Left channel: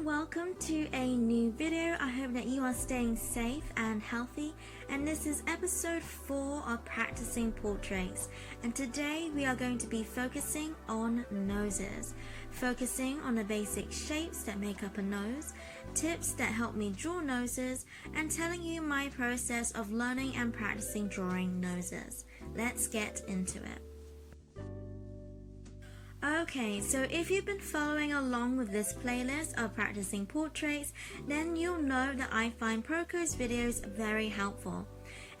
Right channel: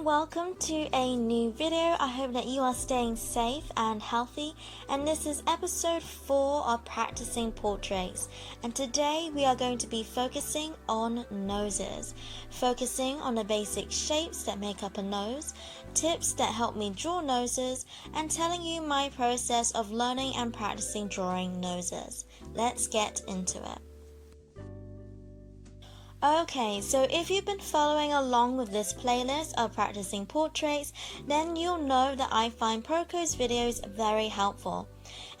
and welcome to a new video. I hope that you are staying safe and healthy, and this is episode 4 of Practicing Portraits, and today we are going to be focusing on noses, focusing on the basic shapes that make up a nose, tips that help me draw noses, and telling you my process of learning and practicing drawing noses. Let's get into it. Okay, so if you've been following along with this playlist of practicing portraits, then you'll know that I find Proko's videos very helpful.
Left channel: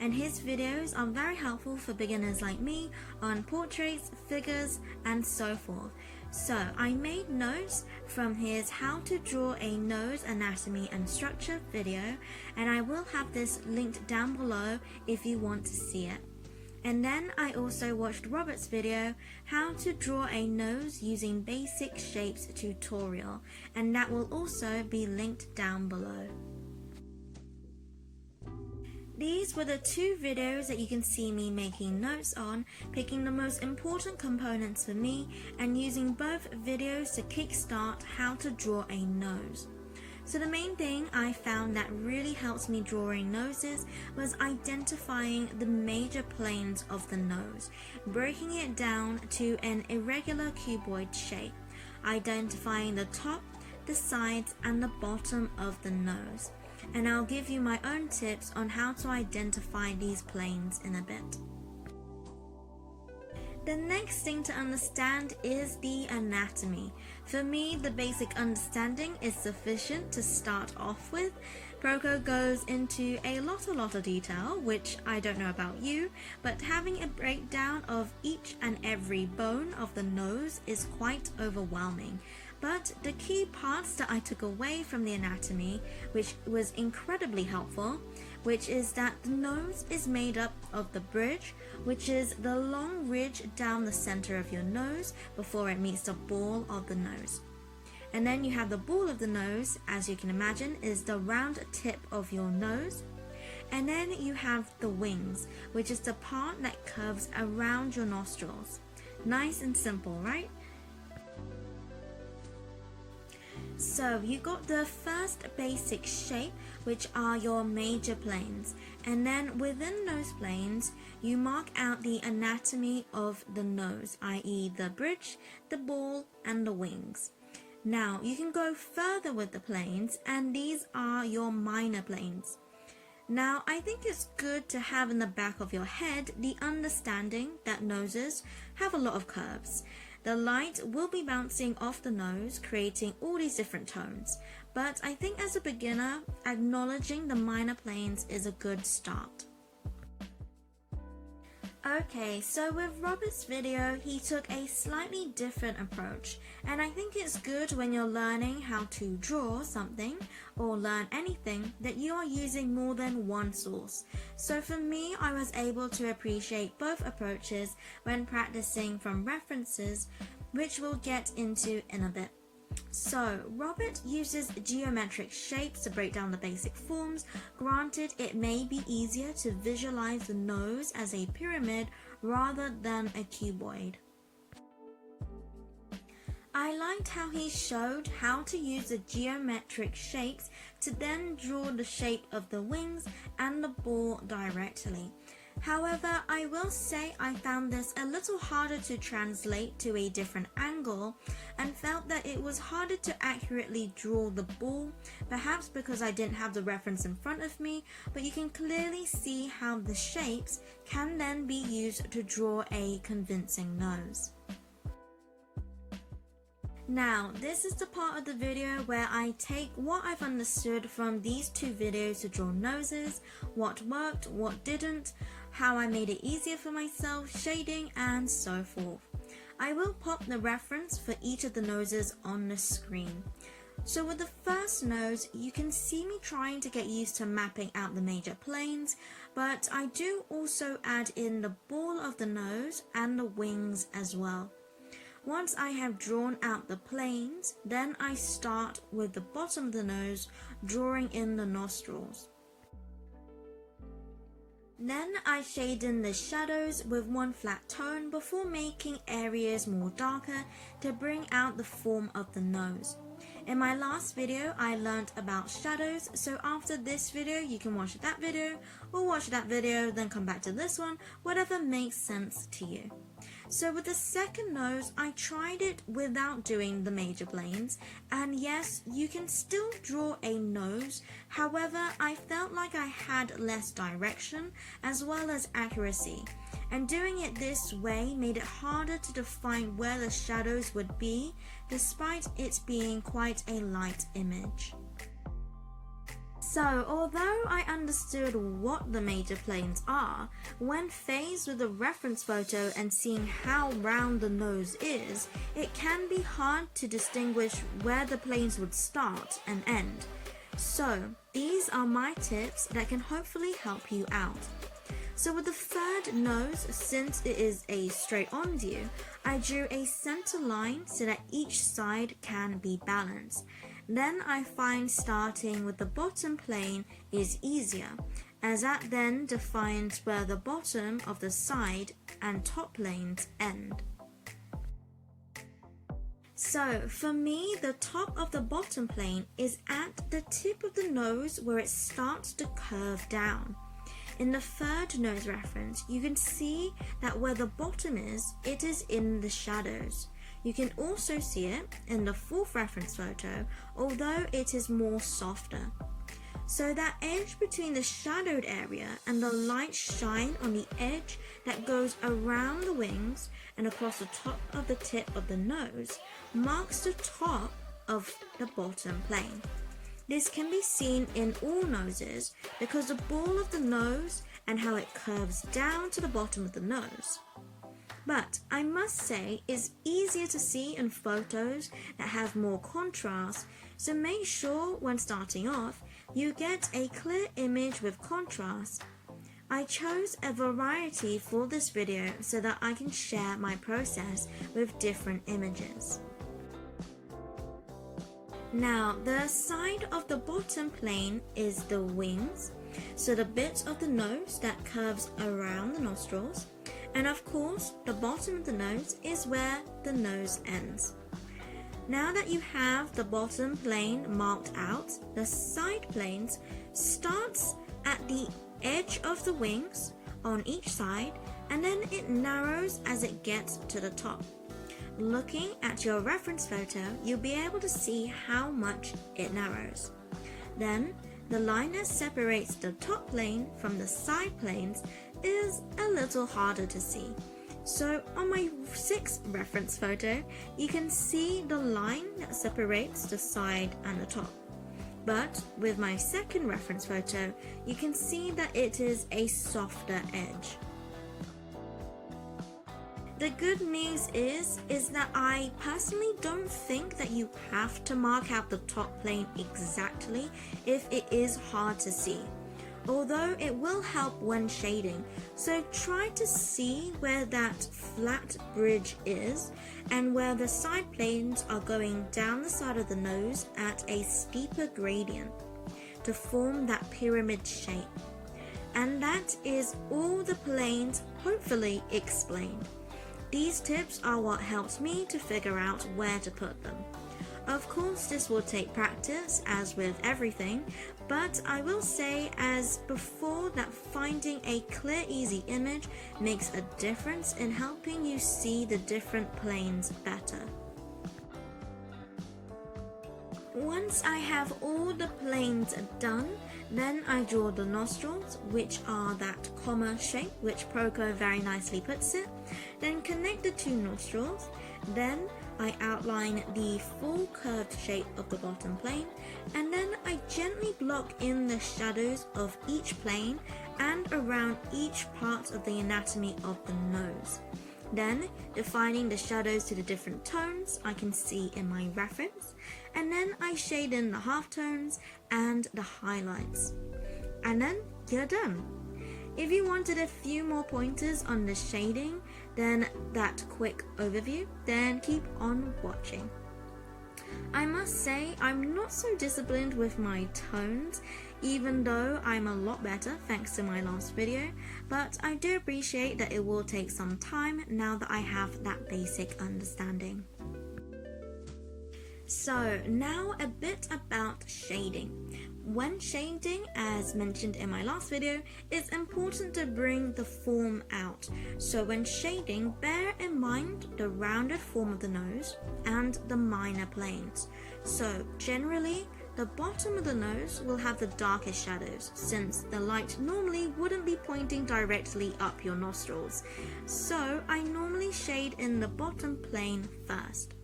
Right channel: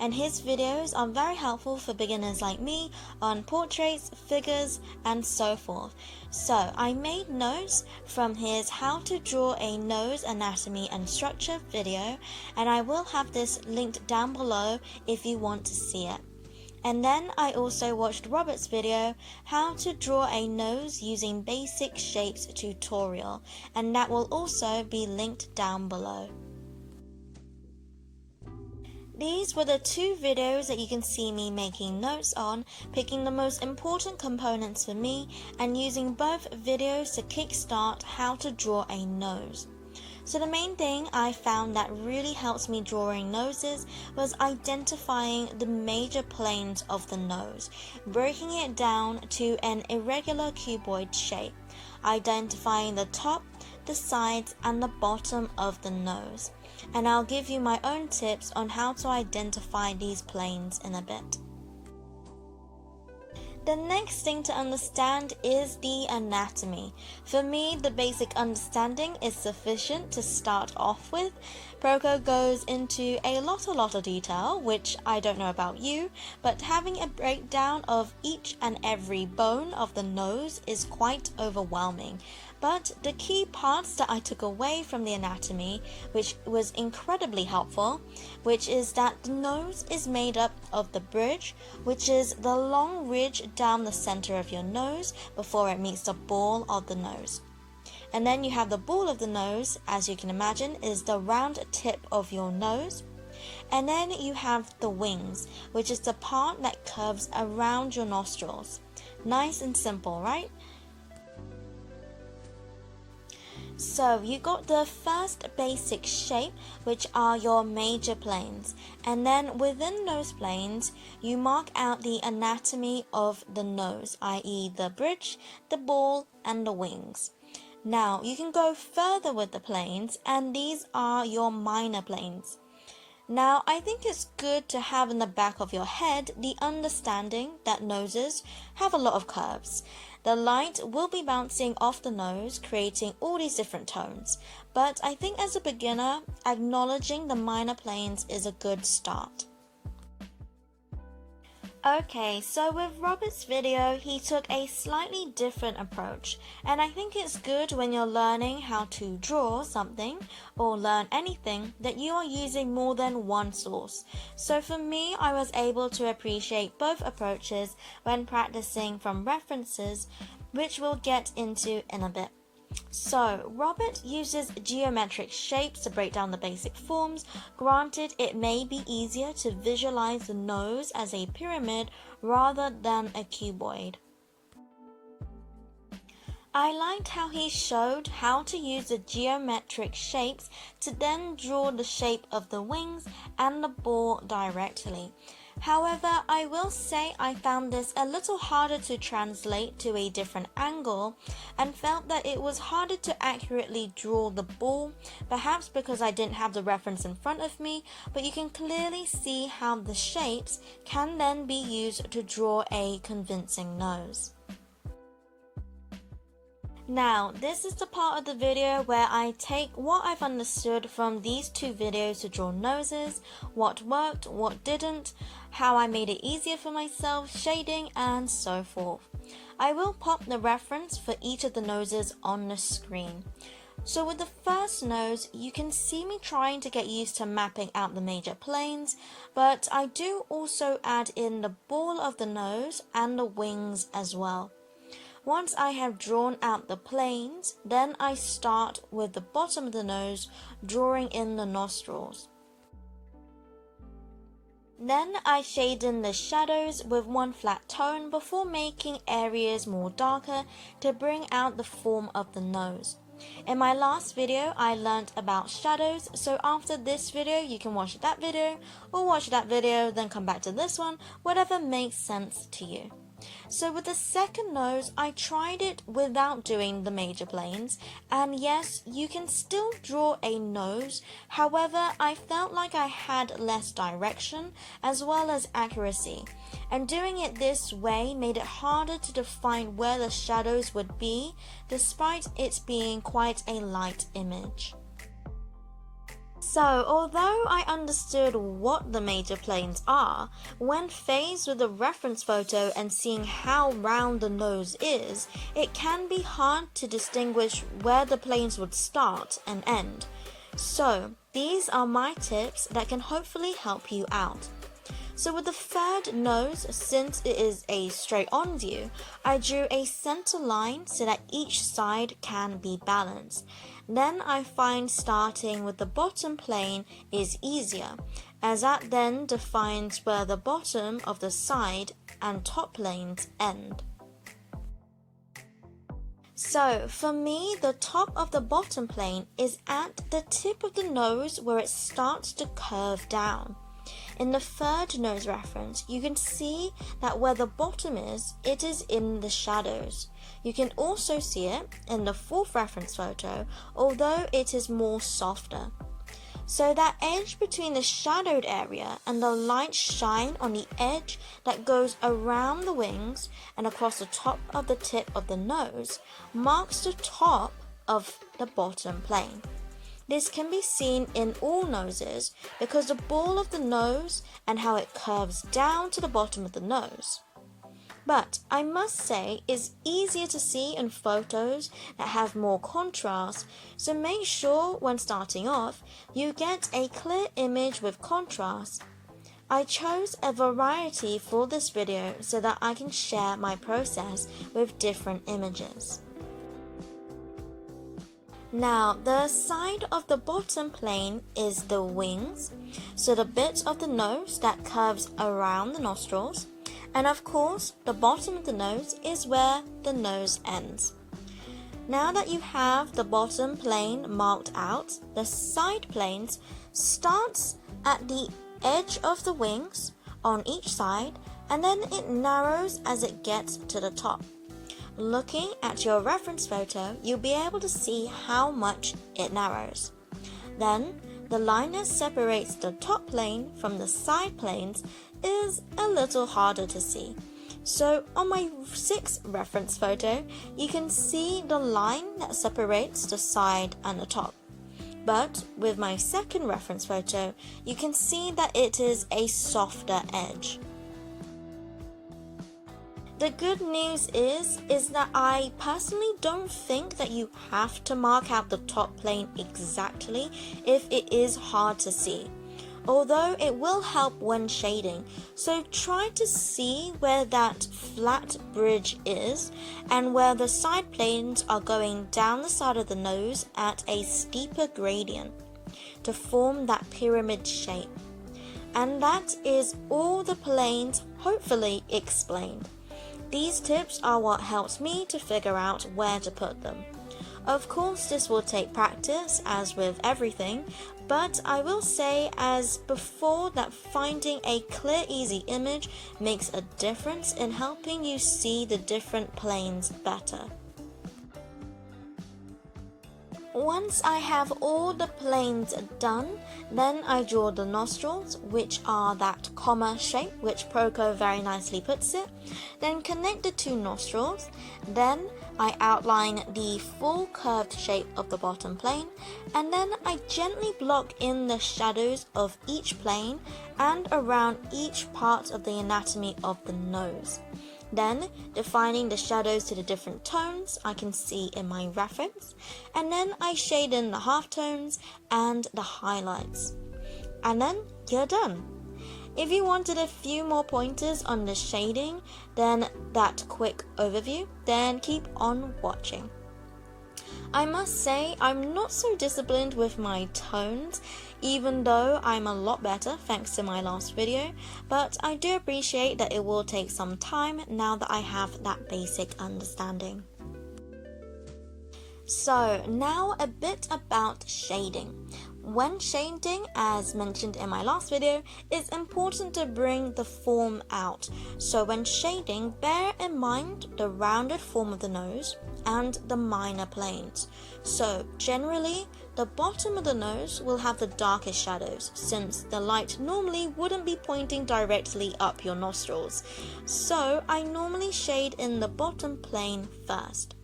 And his videos are very helpful for beginners like me on portraits, figures, and so forth. So I made notes from his how to draw a nose anatomy and structure video, and I will have this linked down below if you want to see it. And then I also watched Robert's video, how to draw a nose using basic shapes tutorial, and that will also be linked down below. These were the two videos that you can see me making notes on, picking the most important components for me, and using both videos to kickstart how to draw a nose. So the main thing I found that really helps me drawing noses was identifying the major planes of the nose, breaking it down to an irregular cuboid shape, identifying the top, the sides, and the bottom of the nose. And I'll give you my own tips on how to identify these planes in a bit. The next thing to understand is the anatomy. For me, the basic understanding is sufficient to start off with. Proko goes into a lot of detail, which I don't know about you, but having a breakdown of each and every bone of the nose is quite overwhelming. But the key parts that I took away from the anatomy, which was incredibly helpful, which is that the nose is made up of the bridge, which is the long ridge down the center of your nose before it meets the ball of the nose. And then you have the ball of the nose, as you can imagine, is the round tip of your nose. And then you have the wings, which is the part that curves around your nostrils. Nice and simple, right? So you got the first basic shape, which are your major planes, and then within those planes you mark out the anatomy of the nose, i.e. the bridge, the ball, and the wings. Now you can go further with the planes, and these are your minor planes. Now I think it's good to have in the back of your head the understanding that noses have a lot of curves. The light will be bouncing off the nose, creating all these different tones. But I think as a beginner, acknowledging the minor planes is a good start. Okay, so with Robert's video, he took a slightly different approach, and I think it's good when you're learning how to draw something or learn anything that you are using more than one source. So for me, I was able to appreciate both approaches when practicing from references, which we'll get into in a bit. So, Robert uses geometric shapes to break down the basic forms. Granted, it may be easier to visualize the nose as a pyramid rather than a cuboid. I liked how he showed how to use the geometric shapes to then draw the shape of the wings and the ball directly. However, I will say I found this a little harder to translate to a different angle and felt that it was harder to accurately draw the ball, perhaps because I didn't have the reference in front of me, but you can clearly see how the shapes can then be used to draw a convincing nose. Now, this is the part of the video where I take what I've understood from these two videos to draw noses, what worked, what didn't, how I made it easier for myself, shading, and so forth. I will pop the reference for each of the noses on the screen. So with the first nose, you can see me trying to get used to mapping out the major planes, but I do also add in the ball of the nose and the wings as well. Once I have drawn out the planes, then I start with the bottom of the nose, drawing in the nostrils. Then I shade in the shadows with one flat tone before making areas more darker to bring out the form of the nose. In my last video, I learned about shadows, so after this video, you can watch that video, or watch that video, then come back to this one, whatever makes sense to you. So with the second nose, I tried it without doing the major planes, and yes, you can still draw a nose. However, I felt like I had less direction as well as accuracy, and doing it this way made it harder to define where the shadows would be, despite it being quite a light image. So, although I understood what the major planes are, when faced with a reference photo and seeing how round the nose is, it can be hard to distinguish where the planes would start and end. So, these are my tips that can hopefully help you out. So with the third nose, since it is a straight-on view, I drew a center line so that each side can be balanced. Then I find starting with the bottom plane is easier, as that then defines where the bottom of the side and top planes end. So for me, the top of the bottom plane is at the tip of the nose where it starts to curve down. In the third nose reference, you can see that where the bottom is, it is in the shadows. You can also see it in the fourth reference photo, although it is more softer. So that edge between the shadowed area and the light shine on the edge that goes around the wings and across the top of the tip of the nose marks the top of the bottom plane. This can be seen in all noses because the ball of the nose and how it curves down to the bottom of the nose. But I must say it's easier to see in photos that have more contrast, so make sure when starting off you get a clear image with contrast. I chose a variety for this video so that I can share my process with different images. Now, the side of the bottom plane is the wings, so the bit of the nose that curves around the nostrils, and of course, the bottom of the nose is where the nose ends. Now that you have the bottom plane marked out, the side planes starts at the edge of the wings on each side, and then it narrows as it gets to the top. Looking at your reference photo, you'll be able to see how much it narrows. Then, the line that separates the top plane from the side planes is a little harder to see. So on my sixth reference photo, you can see the line that separates the side and the top. But with my second reference photo, you can see that it is a softer edge. The good news is that I personally don't think that you have to mark out the top plane exactly if it is hard to see, although it will help when shading. So try to see where that flat bridge is and where the side planes are going down the side of the nose at a steeper gradient to form that pyramid shape. And that is all the planes hopefully explained. These tips are what helps me to figure out where to put them. Of course, this will take practice, as with everything, but I will say as before that finding a clear, easy image makes a difference in helping you see the different planes better. Once I have all the planes done, then I draw the nostrils, which are that comma shape, which Proco very nicely puts it. Then connect the two nostrils. Then I outline the full curved shape of the bottom plane, and then I gently block in the shadows of each plane and around each part of the anatomy of the nose. Then, defining the shadows to the different tones I can see in my reference, and then I shade in the halftones and the highlights. And then you're done. If you wanted a few more pointers on the shading, then that quick overview, then keep on watching. I must say I'm not so disciplined with my tones, even though I'm a lot better thanks to my last video, but I do appreciate that it will take some time now that I have that basic understanding. So now a bit about shading. When shading, as mentioned in my last video, it's important to bring the form out. So when shading, bear in mind the rounded form of the nose and the minor planes. So generally, the bottom of the nose will have the darkest shadows, since the light normally wouldn't be pointing directly up your nostrils. So I normally shade in the bottom plane first.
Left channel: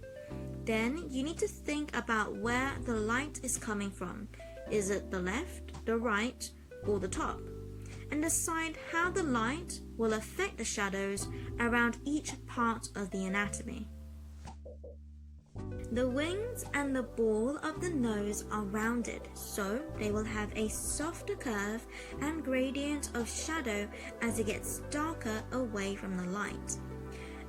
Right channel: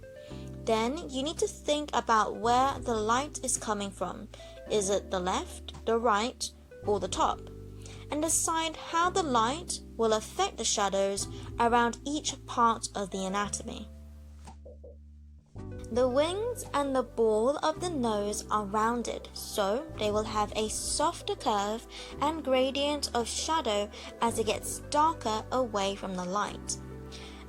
Then you need to think about where the light is coming from. Is it the left, the right, or the top? And decide how the light will affect the shadows around each part of the anatomy. The wings and the ball of the nose are rounded, so they will have a softer curve and gradient of shadow as it gets darker away from the light,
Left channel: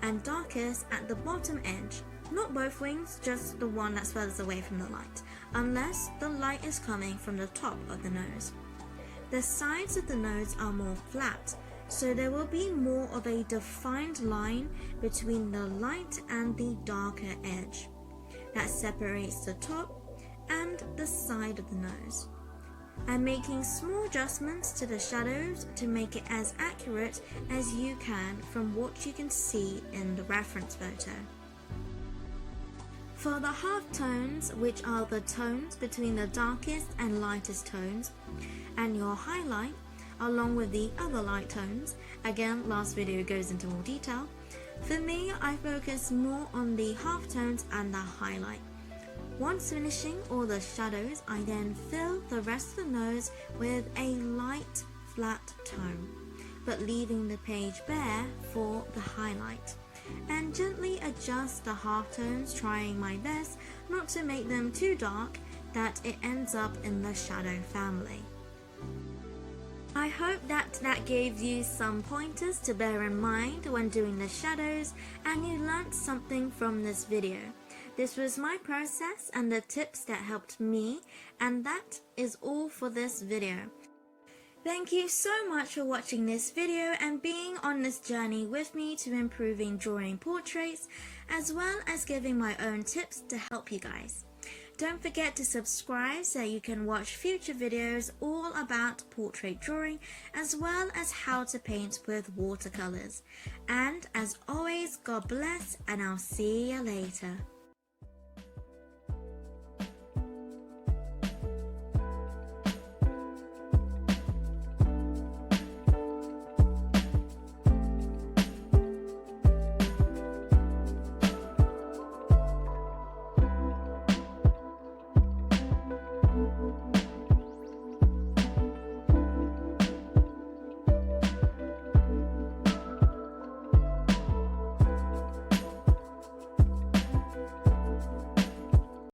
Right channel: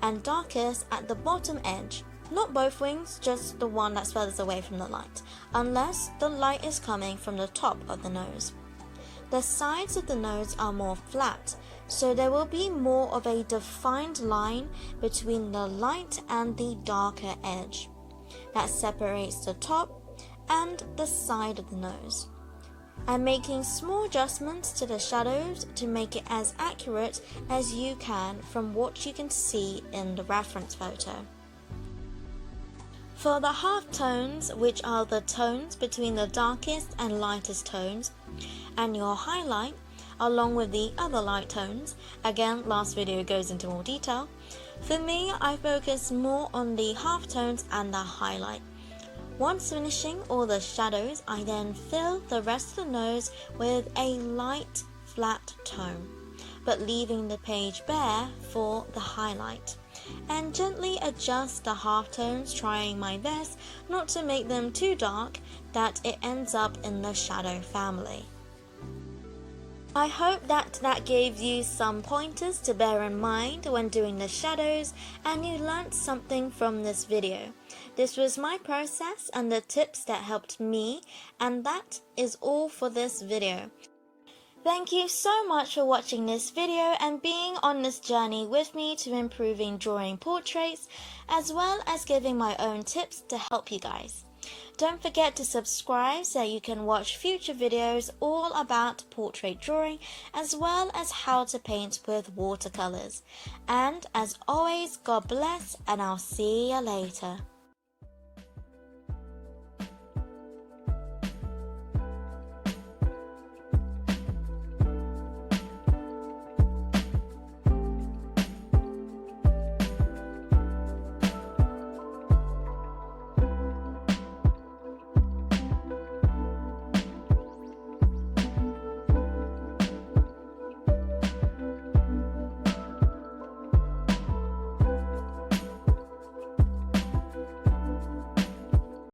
and darkest at the bottom edge. Not both wings, just the one that's furthest away from the light, unless the light is coming from the top of the nose. The sides of the nose are more flat, so there will be more of a defined line between the light and the darker edge that separates the top and the side of the nose. I'm making small adjustments to the shadows to make it as accurate as you can from what you can see in the reference photo. For the half tones, which are the tones between the darkest and lightest tones, and your highlight, along with the other light tones, again last video goes into more detail, for me I focus more on the half tones and the highlight. Once finishing all the shadows, I then fill the rest of the nose with a light flat tone, but leaving the page bare for the highlight, and gently adjust the halftones, trying my best not to make them too dark that it ends up in the shadow family. I hope that gave you some pointers to bear in mind when doing the shadows and you learnt something from this video. This was my process and the tips that helped me, and that is all for this video. Thank you so much for watching this video and being on this journey with me to improving drawing portraits, as well as giving my own tips to help you guys. Don't forget to subscribe so you can watch future videos all about portrait drawing, as well as how to paint with watercolors. And as always, God bless, and I'll see you later.